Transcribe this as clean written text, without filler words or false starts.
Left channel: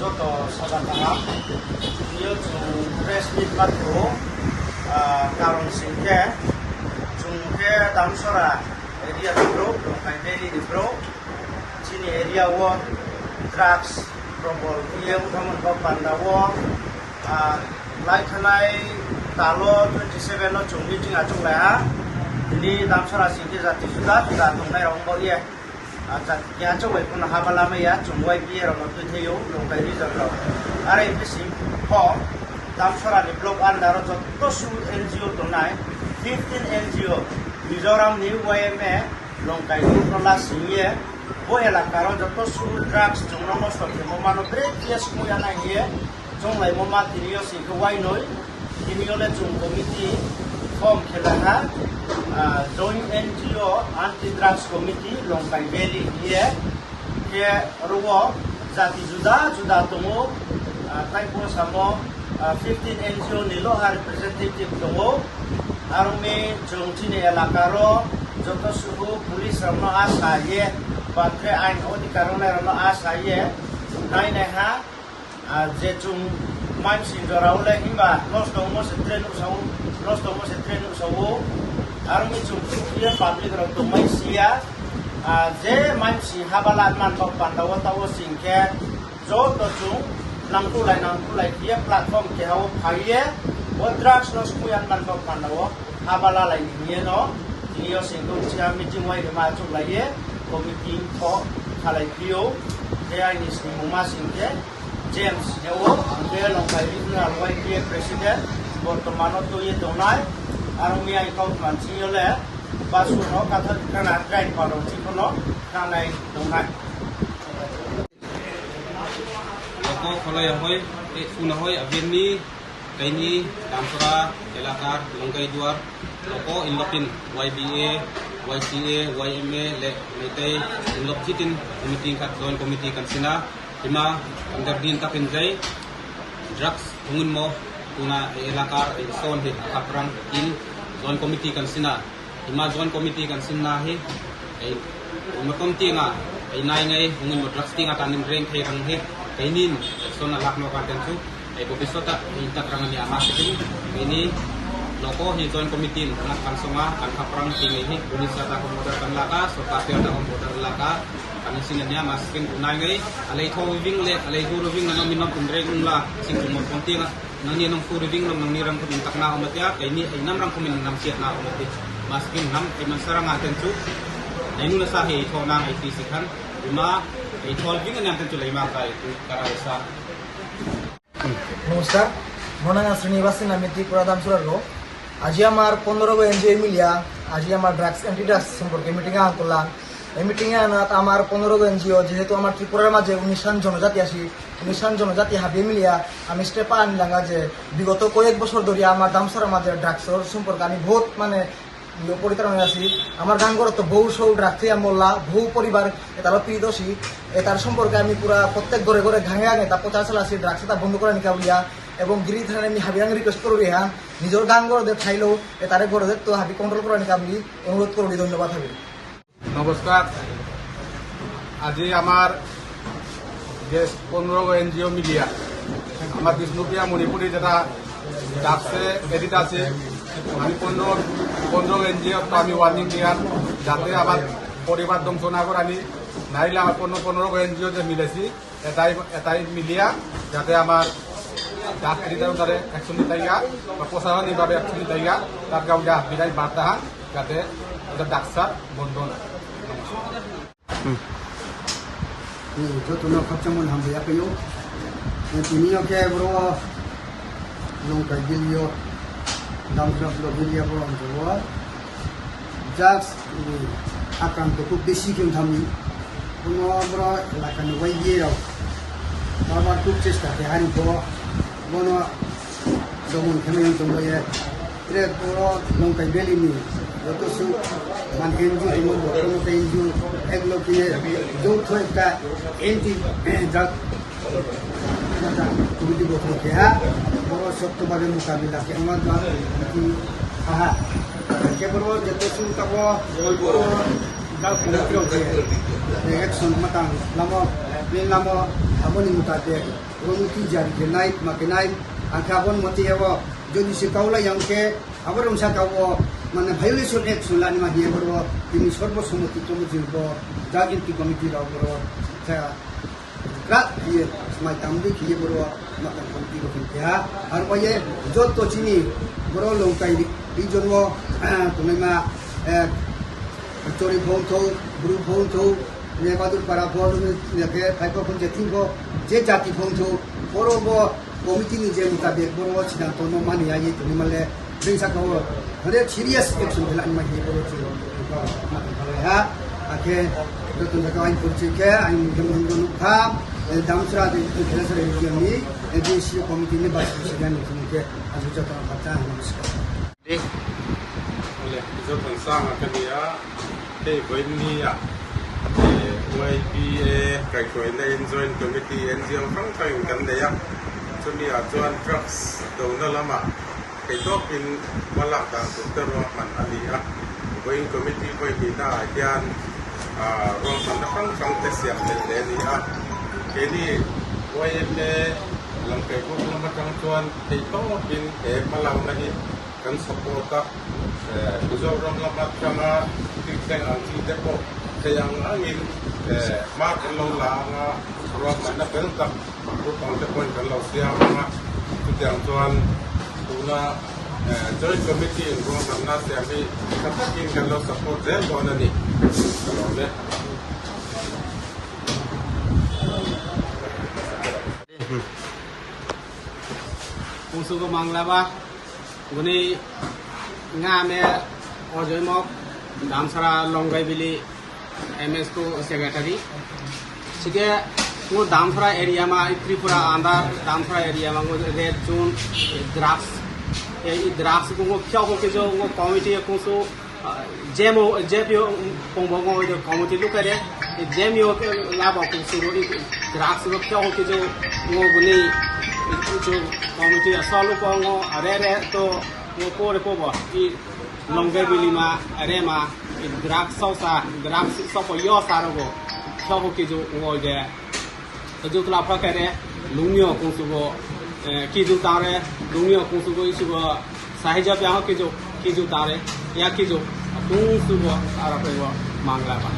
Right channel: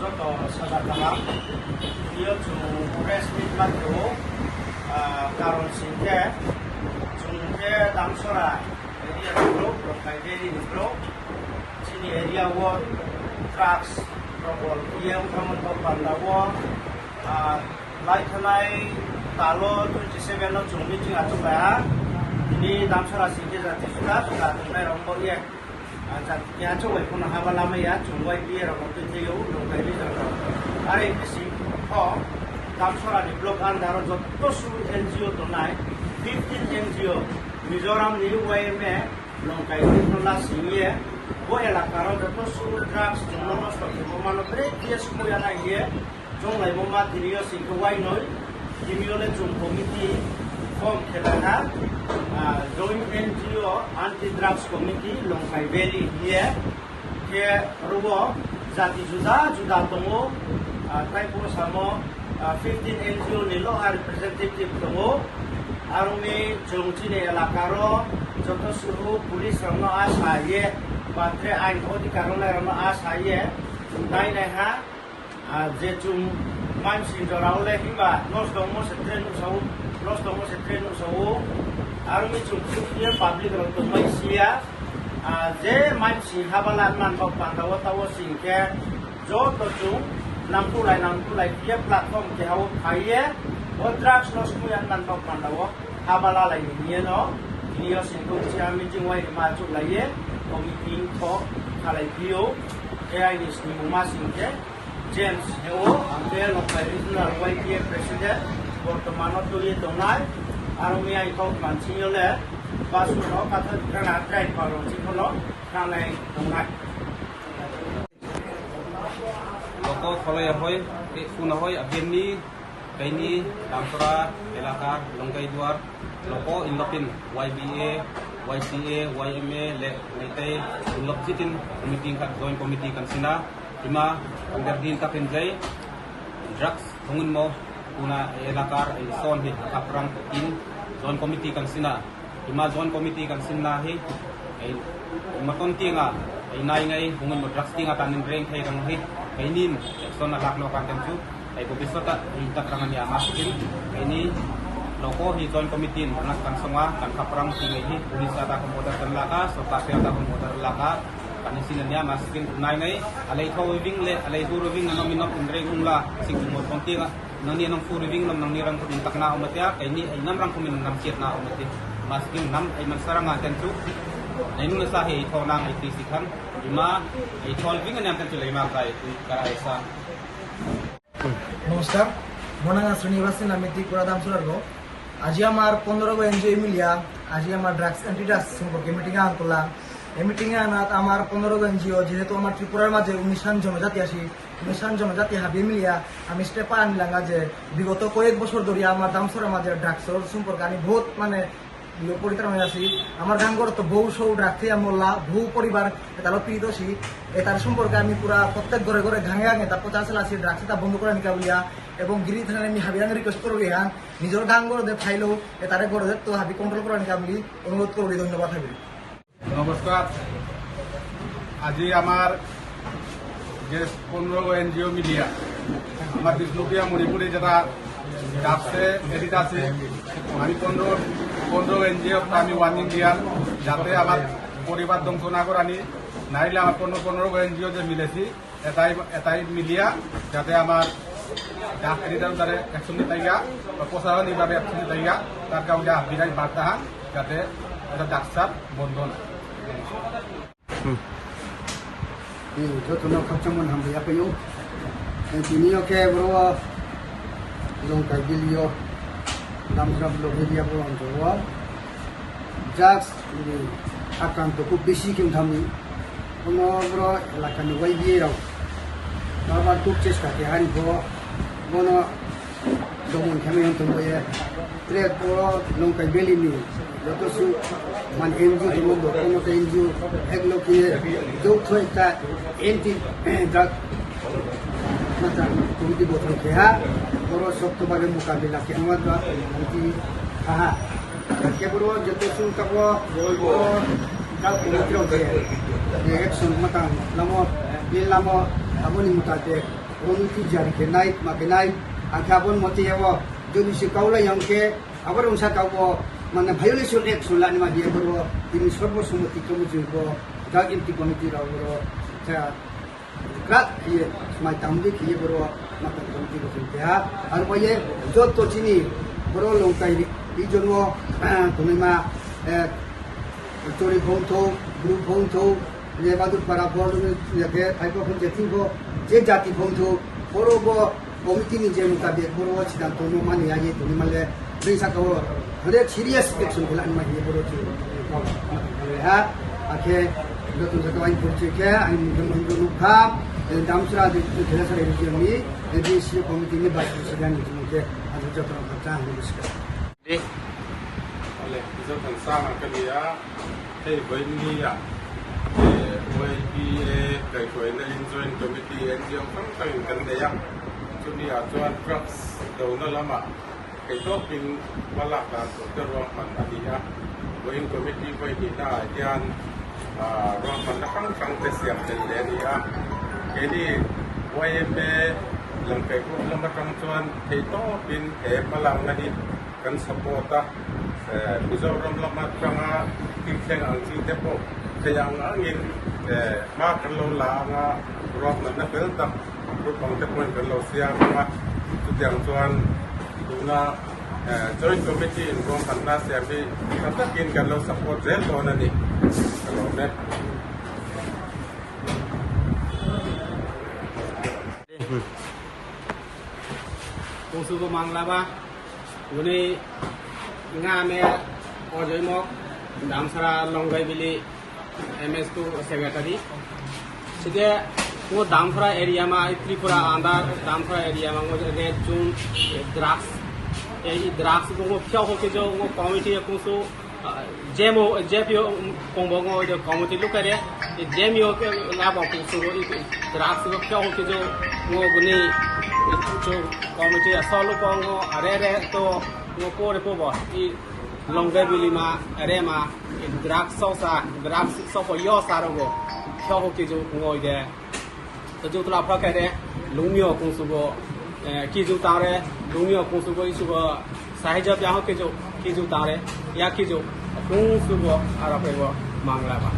joto sabataha dia tu press meet matro karon singke jungke damsora area bro kai beri bro sini area wo drugs probol ia utama panda wo lai khanai talo 27 no chung meeting achung la ini damsora singke jati sudah tunai rombo ia ya coba pun habala me ya cungwai biar orang tu theo lokai ni jangkau. Ada itu sih, kok damsara di blok andar joto su NGO tunai, 15 NGO, Mizoram ni YME lokai ni prolas ni, boleh lah karon joto su drugs jumlah mostok, memang beri dia semua yang ni, jumlah memang diriyo sih kuai noi, diriyo le jung komiti form kelana. Joint NGO Anti-Drugs Committee Longkai Beri here ruwo jati juda tungo tangko samo 15 NGO nilo representative tungo arumi jongchini elakaro joto suhu police ramo asaye batre ain odikarole ramo asaye utai neha je jum main sinjorau le himba los tomo se trenu sau army cumpukia public roto maisia je mansi habalan man bau pandawa tawo singke jo to chung nangkulai dia platform ke hau phaiye o drugs no skuyan man bau pandawa habala lai ni no niyo singko sia meeting wai ma chuk lai committee ko khalai pio ke ai ni simuma singke James Hewo angke Longkai Regional YPA President Bortomano to ye donai arumi ai kau manci ole basu no kata kana trai kolong cikolo kanai donai loko kholai hoi una hoi abeni kaini damsora elakar Longkai Duar loko inlopin YBA YCA YMA le meitei inlop jitin committee kat joint committee kan sina ima under din tapin jai drugs hungun mo una elakar son hi kaprang in zone committee kan sina ima zone committee kan sina hi ai maton tinga ai nai ngai hungun mo drugs tinga tanin reng thai rang hi kainin son alak no kan tensu ai ko bisota ai takrang ni ama sikin ini loko hi zone committee nak kan songa kan kaprang tingai hi unisa ta komodar kan laka so pasir ta komodar laka kan sinnya maskin nai ngai alai tho wing le alai duru wing na minam indreng ungla singkung mo pontinga nani nang puri wing nam nang nirang kumin tak na umatya kay ni ay nam rang kumin nam siat na umati maskin nam ay mansarang aten tu ay nula sa hi tho nang ay fisikan lima ay tho wing na aten tu lay makay tu karaisa. নমস্কার মনে শ্রীনিবাসী নামিতি পুরাদাম সুরারগো আজি আমার 15 NGO মিলিয়া আজি আমার drugs anti drugs সম্পর্কে meeting এ আনলাম এই meeting এ আনাত আমার 15 এনজিও যেহেতু আমার ত্রিপুরার মাঝে 19 জনজাতি আসি 19 জনজাতি হাবি মিলিয়া আমি স্টেপা আনলাম যে বিগত কয়েক বছর ধরে আমার দামসরের মাঝে ড্রাগসর সম্পর্কে আমি বহুত পরিতারণ আছি আমার গাঙ্গর তো বহু সৌ ড্রাগস মোল্লা বহু পরিবার এটা পিদোষী তার সম্পর্কে আমি পুরা প্রত্যেক ঘরে ঘরে ঘাঙে ঘাঙে তা প্রচার চালাছি ড্রাগস এটা বন্ধ করে নিকা বলিয়া এবং গিরি থানায় আমি হাবি আমি রিকোয়েস্ট করি হ্যাঁ নিজের গাঙ্গরদের ঠাইলেও তারে ঘরে তো হাবি কন্ট্রোল করে নিকা বলি অনুরোধ করি ধন্যবাদ হাবি। নমস্কার আজি আমার যে 15 এনজিও মিডিয়া আমার বিষ্ণুপ্রিয়া মণিপুরি যেটা ডাকছে এডিট আছে আমি 15 এনজিও তো আমি ওয়ার্নিং দিয়ার যাতে আমার পরিবার ধ্বংস না করানি নাইলে আমার 15 এনজিও যে মিলেছি এটাই মিলিয়া যাতে আমার ডাক্তারিটার তাদের অ্যাকশন নিতাইয়া বা প্রশাসনিকভাবে অ্যাকশন নিতাইয়া তার কারণে বিদায় বার্তা যাতে ওদের ডাক্তার বন্ধ না jotono khachamon hambe apayo tinio ke bro Longkai Bilio damsra blog area bro anjowa drugs akranto খুব বেশি কেউ থামি কোনো bro এলাকানে ওই দিয়ে রাও আবার খুব চেষ্টা কে হারি বড় বন দমন থেমে অঞ্চলে trek bro Longkai Beli ni যত সু মান এনজিও যেমন কোনো এনজিও এগুলো কি যৌথ একটা এন্টি ড্রাগ কমিটি গঠন খেয়া বড় শক্তভাবে মোকাবিলাকে আমার হাহা কেবল যত সু কাব ড্রাগ কমিটির অ্যাকশন মাতাং নাম নাম abon mutate komiti jari kenai makenai angkabon moti ewo jadi si kaula yang ke abon unsa kawo mana violation act sulani ma dia berwo ini sorbo sumoti tomu jubo jagin ti komiti ra berwo sa krat dia smai tambi ki berwo mata komiti ko ya har paye jot to chini berwo longkai i jonwo tunai chori phone tho group phone tho ye badu para phone ye ke phaipo phone je thingo je jati phone tho borobo committee ni je mutabe borobo chidang tono mani ya ye tuni male bringsa ko hare serious action phela ni ma ye boro chi ko ha ake dotun jato ain purche ke ain mujhe lukha damsra de khela re region ni ADC committee ni bas sedan ni ke azu jato khacha ni biska de oleh bisa tensang akan dia với ni à YBA cái tuổi này join committee NGO phăng phăng gần đây á cho nên à join drugs đầu nó lắm à cái đó in malah đã tụt tới rồi mình anh đi á với committee với đi ta gian rồi mình đã phăng phăng tới xem đến đây đi á cái đi YBA lần cái cũng làm trong join cái đó in cái malah này kan support á bây giờ rồi làm trong kita angsi depo sayang angin mak kalau lah roh mana belta rupang tepon kalau siang mak tudang tuan tuna joint committee roh mana siang ni katakin kalau support zel tuan ni kalau ne công sự của mang là ba cái này nga me ở dưới mốc Damsara Longai Valley MS को secretary सिके वो Damsara area में Tripura Andhra Damsara area में वो red zone drugs ये drugs को वो क्या हो के जो वो committee को सो जेपीओ पोंबोंगो ये committee लोग करे ये जेपीओ के लाभ को सो drugs को क्या हो के जो वो गुनी जो committee असलो पोंगो अरे तो वो पोरे पोबो Longai Valley ma arema drag sausa drag sopo yo sarogo sopo kijo ngoi de to ju tla pha kare lungmyo kong su go kijo tare lungmyo kong su go isu go sahija pya ho kijo tare ya kijo kong su go ara pe go mangla ba